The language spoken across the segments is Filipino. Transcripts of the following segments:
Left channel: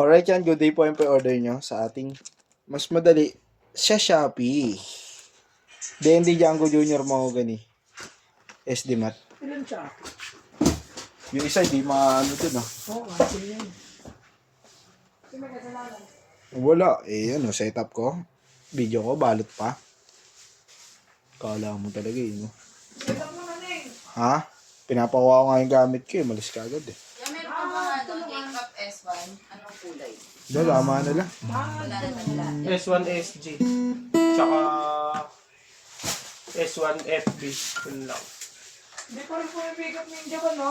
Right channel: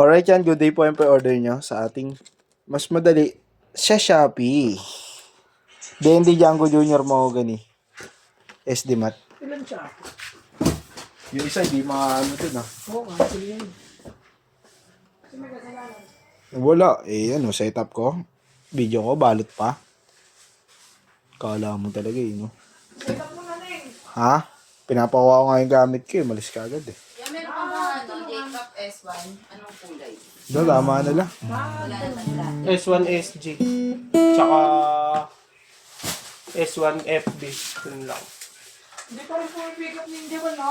Alright yan, good day po yung pre-order nyo sa ating mas madali sa Shopee. D&D Django Junior Mahogany. SD Mat. Ilan siya? Yung isa, di maano ito na. Oo, sige yan. Kasi may kasalanan. Wala. Ano, setup ko. Video ko, balot pa. Kala mo talaga no? Setup mo na Neng. Ha? Pinapakuha ko nga yung gamit ko malis ka agad Yan, meron pa mga Jacob S1. Anong kulay? Tama na lang. Wala na lang. S1 SG. Tsaka S1 FB. Yun lang. Hindi pa rin pumipick up ninja ba, no?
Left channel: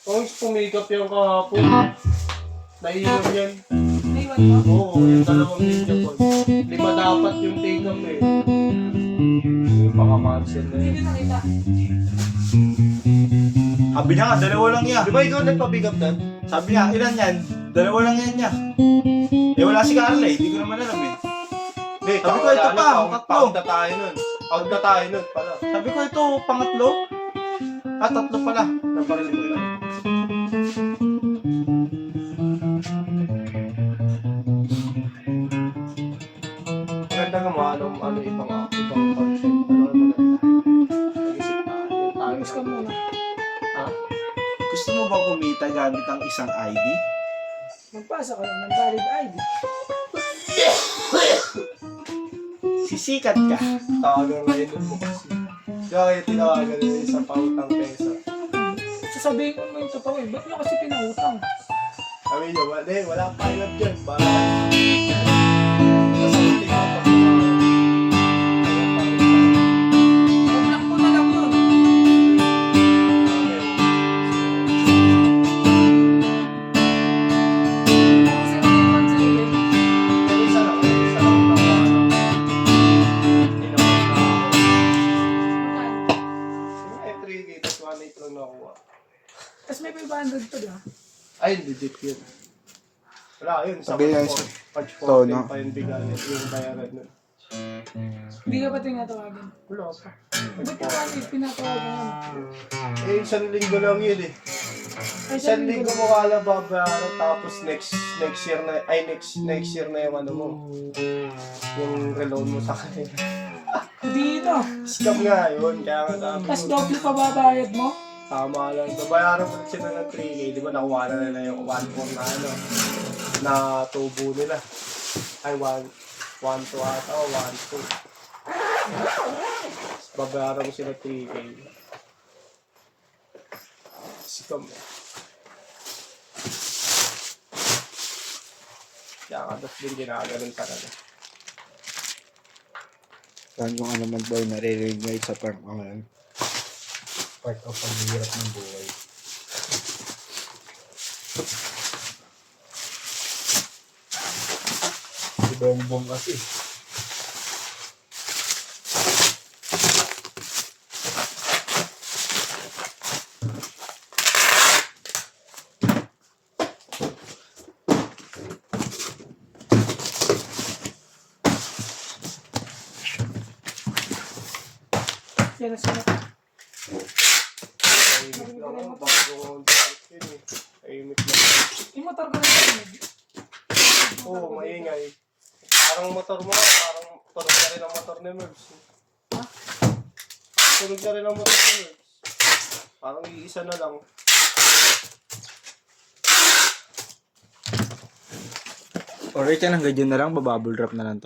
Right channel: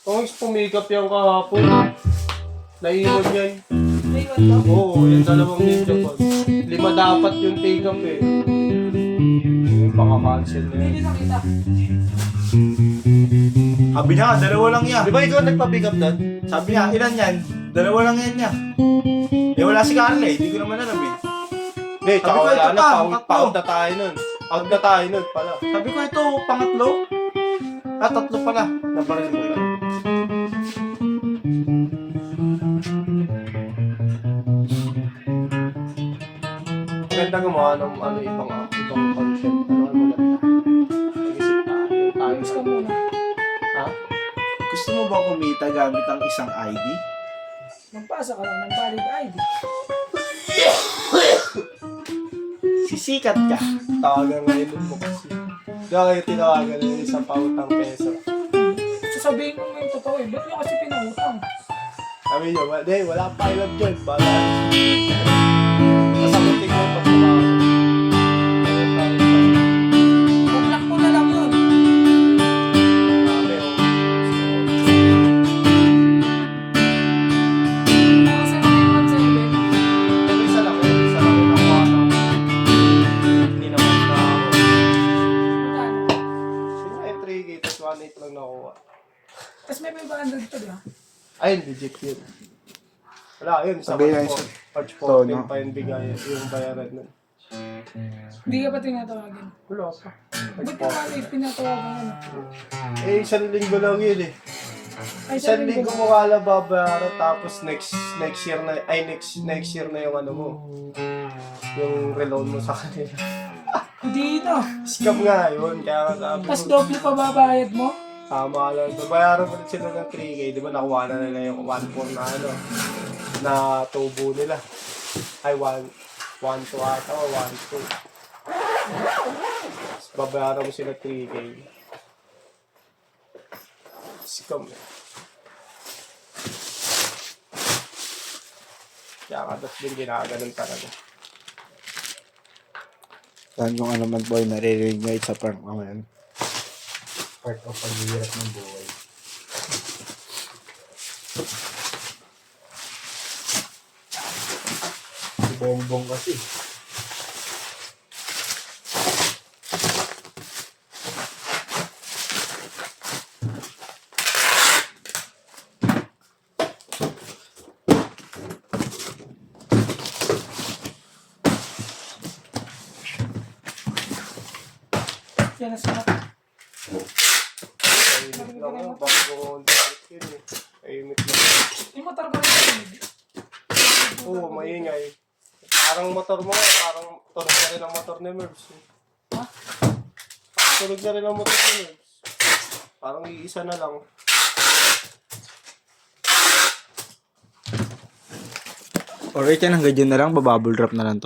Kung pumikap yung kahapon, naiwan yan. Naiwan ka? Oo, yung dalawang ninja ko. 5 dapat yung pick up eh. Baka cancel na Hindi yun. nakita. Sabi niya nga, dalawa lang yan. Di ba ikaw nagpa-pick up doon? Sabi niya, ilan yan? Dalawa lang yan niya. Wala si Carla Hindi ko naman alam Hindi, Sabi ko, tsaka ito wala pa, na, tatlo. pa-out na tayo nun. Out na tayo nun pala. Sabi ko, ito, pangatlo. Tatlo pala. Naparas ko yun. Maganda nga mga ibang content. Ayos ka muna. Gusto mo ba kumita gamit ang isang ID? Magpasa ka lang ng valid ID. Sisikat ka. Tawagan nga yun mo kasi. Kaya tinawagan na yung isang pautang peso. Sasabihin ko mo yung totoo eh. Ba't nyo kasi pinautang? Sabi niyo, wala kang pilot dyan. Para sasagutin ko pa. Bumlak ko na lang yun. Kasi yung sa ibig. Isa lang yung nakuha. Hindi naman. Magkano? Ay, 3K, tapos 1.8 lang nakuha. Tapos may 500 pa diba? Ay, legit yun. Wala, yun. Sabi niya isa. Patch So, 14 no? pa yung bigay, yung bayaran nun. Hindi ka pa tinatawagan. Wala pa. Ba't ka pa pinatawagan? Eh, 1 linggo lang yun eh. Ay, 1 linggo mo kala babayaran, tapos next year na yung ano mo. Yung reload mo sa kanila. Dito. Scam nga yun, kaya nga sabi Tapos ko. doble pa babayad mo? Tama lang. Babayaran ko sila ng 3K, di ba nakuha na nila yung 1.4 na ano, na tubo nila. Ay, 1.2 ata o 1.2. Babayaran mo sila 3K. Scam eh. Kaya kadas din ginaganon talaga. Saan yung ano man boy, naririnig mo sa prank mo ngayon? Part of paghihirap ng buhay. Si Bongbong kasi. Kaya sila. Tahimik lang yun, bago ko yun eh. Tahimik lang. Yung motor ko na parinig. Oo, maingay. Parang motor mo nga, parang tunog na rin ang motor ni Merbs. Tunog na rin ang motor ni Merbs. Parang iisa na lang. Alright yan, hanggang dyan na lang, babubble wrap na lang to.